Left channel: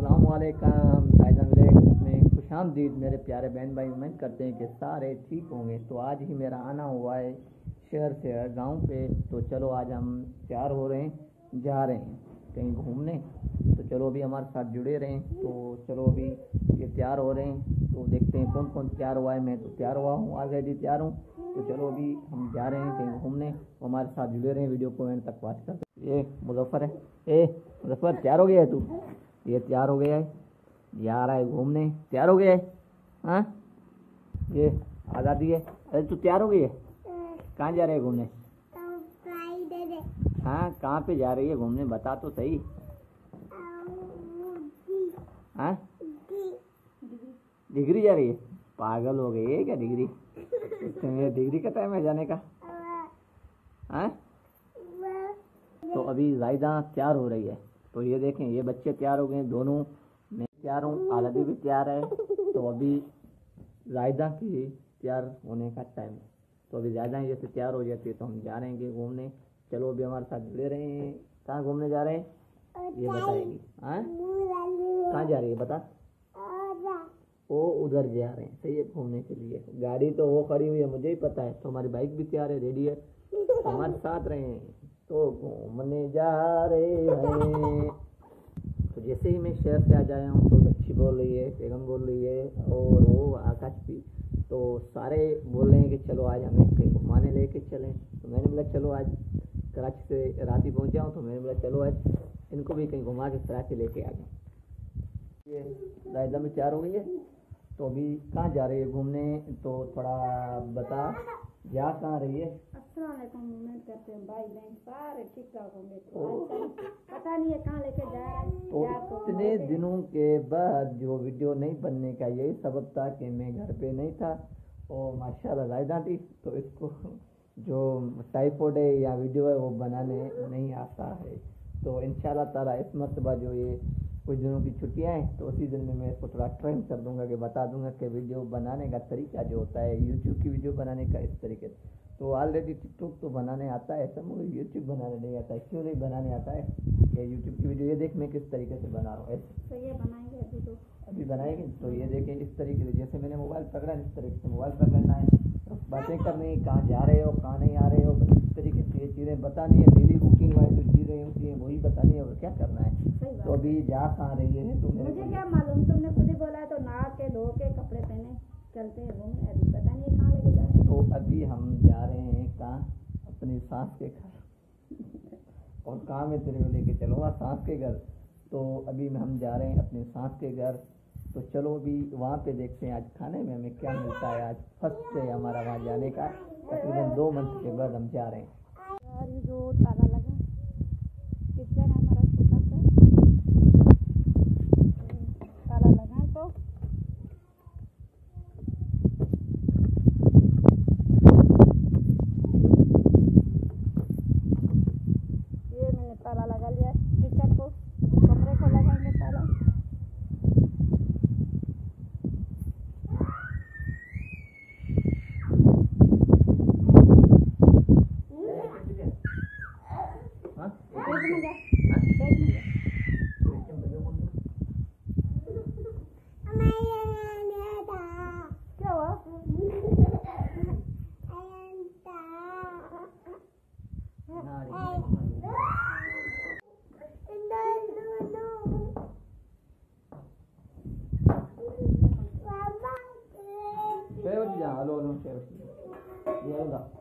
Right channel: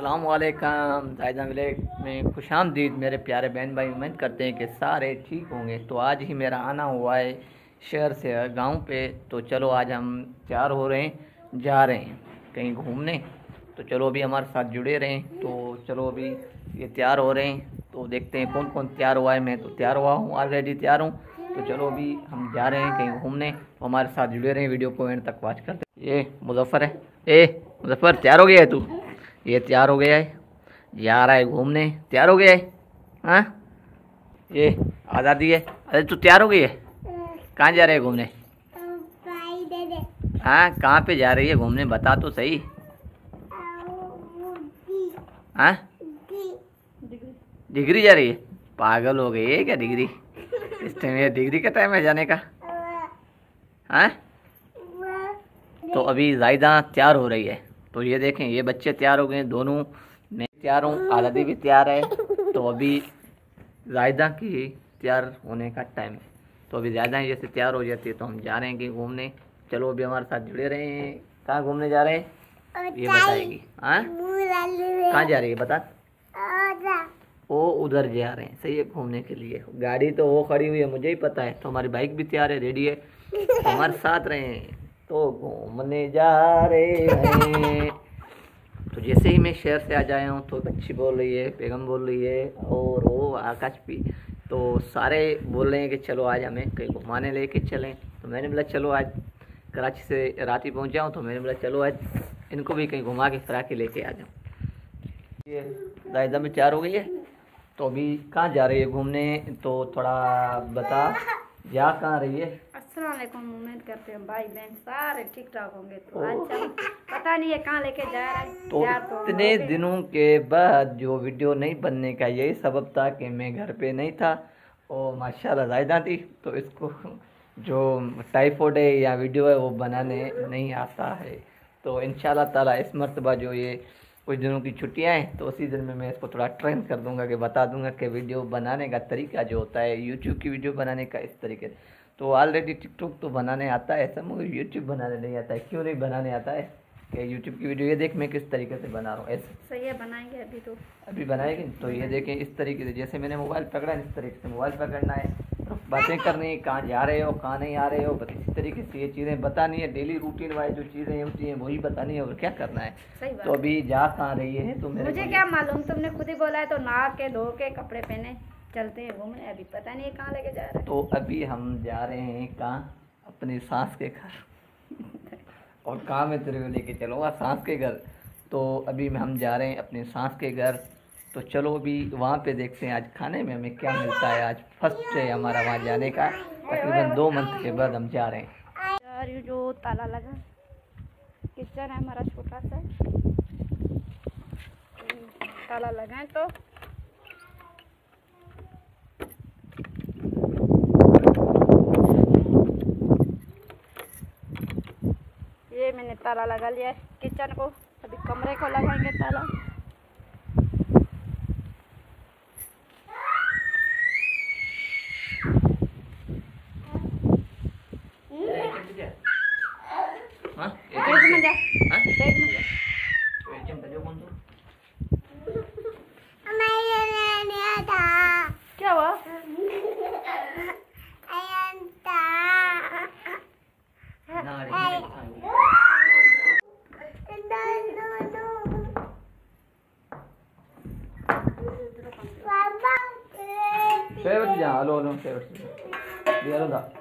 अस्सलाम वालेकुम जायदा विलेज में खुशामदीद मेरे प्यारे बहन भाई। उम्मीद करते हैं कि सारे ठीक होंगे। तो आज ही मेरा आना हुआ है शहर से गांव पे। तो चलो आज हम तैयार हो रहे हैं, जा रहे हैं कहीं घूमने। तो चलो अभी हमारे साथ जुड़े रहें। तो चलो अभी ये तैयार हो रहे हैं, तो देखते हैं कौन कौन तैयार हुआ है। मैं तो तैयार हुआ हूँ, ऑलरेडी तैयार हूँ। तो चलो अभी हम जा रहे हैं कहीं घूमने, तो हमारे साथ जुड़े रहें, वीडियो को एंड तक वॉच करते। ये मुजफ्फर है। मुजफ्फर तैयार हो गया है तू? ये तैयार हो गया है, जा रहा है घूमने। तैयार हो गया है? हाँ, ये आज़ादी है। अरे तू तैयार हो गई है? कहाँ जा रहे है घूमने? हाँ, कहाँ पे जा रही है घूमने, बता तो सही। हाँ, डिग्री जा रही है? पागल हो गई है क्या? डिग्री इस टाइम, ये डिग्री का टाइम है जाने का? हाँ, तो अभी जायदा तैयार हो रही है। तो ये देखें, ये बच्चे तैयार हो गए दोनों, मैं तैयार हूँ, आज़ादी भी तैयार है। तो अभी जायदा की तैयार होने का टाइम है। तो अभी ज़्यादा जैसे तैयार हो जाती है तो हम जा रहे हैं कि घूमने। चलो अभी हमारे साथ जुड़े रहे हैं। कहाँ घूमने जा रहे हैं ये बताएगी। हाँ, कहाँ जा रही है बता? वो उधर जा रहे हैं, सही है, घूमने के लिए। गाड़ी तो वो खड़ी हुई है, मुझे ही पता है। तो हमारी बाइक भी तैयार है, रेडी है, तो हमारे साथ रहे हैं। तो घूमने जा रहे हैं। तो जैसे ही मैं शहर से आ जाया हूँ तो बच्ची बोल रही है, बेगम बोल रही है, और वो आकाश भी। तो सारे बोल रहे हैं कि चलो आज हमें कहीं घुमाने लेके चलें। तो मैंने बोला चलो आज, कराची से रात ही पहुँचा हूँ, तो मैंने बोला चलो आज इनको भी कहीं घुमा के फिरा के लेके आ जाऊँ। ये दायदा में तैयार हो गई है। तो अभी कहाँ जा रही है घूमने, तो थोड़ा बता, जा कहाँ रही है? अस्सलाम वालेकुम। उम्मीद करते हैं भाई बहन सारे ठीक ठाक होंगे। तो आज चल, पता नहीं है कहाँ लेके जा रहा है। तो इतने दिनों के बाद जो वीडियो नहीं बनने का यही सबब था कि मैं घर पे नहीं था और माशाल्लाह जायदा थी। तो इसको जो टाइफॉइड है या वीडियो है वो बनाने नहीं आता है। तो इंशाल्लाह ताला इस मर्तबा जो ये कुछ दिनों की छुट्टियां हैं, तो उसी दिन में मैं इसको थोड़ा ट्रेन कर दूंगा कि बता दूंगा कि वीडियो बनाने का तरीका जो होता है, यूट्यूब की वीडियो बनाने का इस तरीके से। तो ऑलरेडी टिकटॉक तो बनाने आता है ऐसा, मुझे यूट्यूब बनाने नहीं आता है। क्यों नहीं बनाने आता है कि यूट्यूब की वीडियो ये देख मैं किस तरीके से बना रहा हूँ, ऐसे सही है, बनाएंगे अभी। तो अभी बनाएंगे। तो ये देखें इस तरीके से, जैसे मैंने मोबाइल पकड़ा इस तरीके से मोबाइल पकड़ना है, बातें करनी है, कहाँ जा रहे हो कहाँ नहीं आ रहे हो, बस इस तरीके से ये चीज़ें बतानी है। डेली रूटीन वाइज जो चीज़ें होती हैं वही बतानी है, और क्या करना है। तो अभी जा कहाँ रही है? तो मुझे क्या मालूम, तुमने खुद ही बोला है। तो नहा के धो के कपड़े पहने चलते हैं घूमने। अभी पता नहीं है कहाँ लेके जा रहा है। तो अभी हम जा रहे हैं कहाँ? अपनी सास के घर। और कहाँ मैं तेरे को लेके चलूँगा? सास के घर। तो अभी हम जा रहे हैं अपने सास के घर। तो चलो अभी वहाँ पे देखते हैं आज खाने में हमें क्या मिलता है। आज फर्स्ट है हमारा वहाँ जाने का, तकरीबन 2 मंथ के बाद हम जा रहे हैं। यार ये जो ताला लगा किचन है हमारा छोटा सा, ताला लगा है। तो ये मैंने ताला लगा लिया है किचन को। अभी कमरे को लगाएंगे ताला। क्या हुआ? Hello hello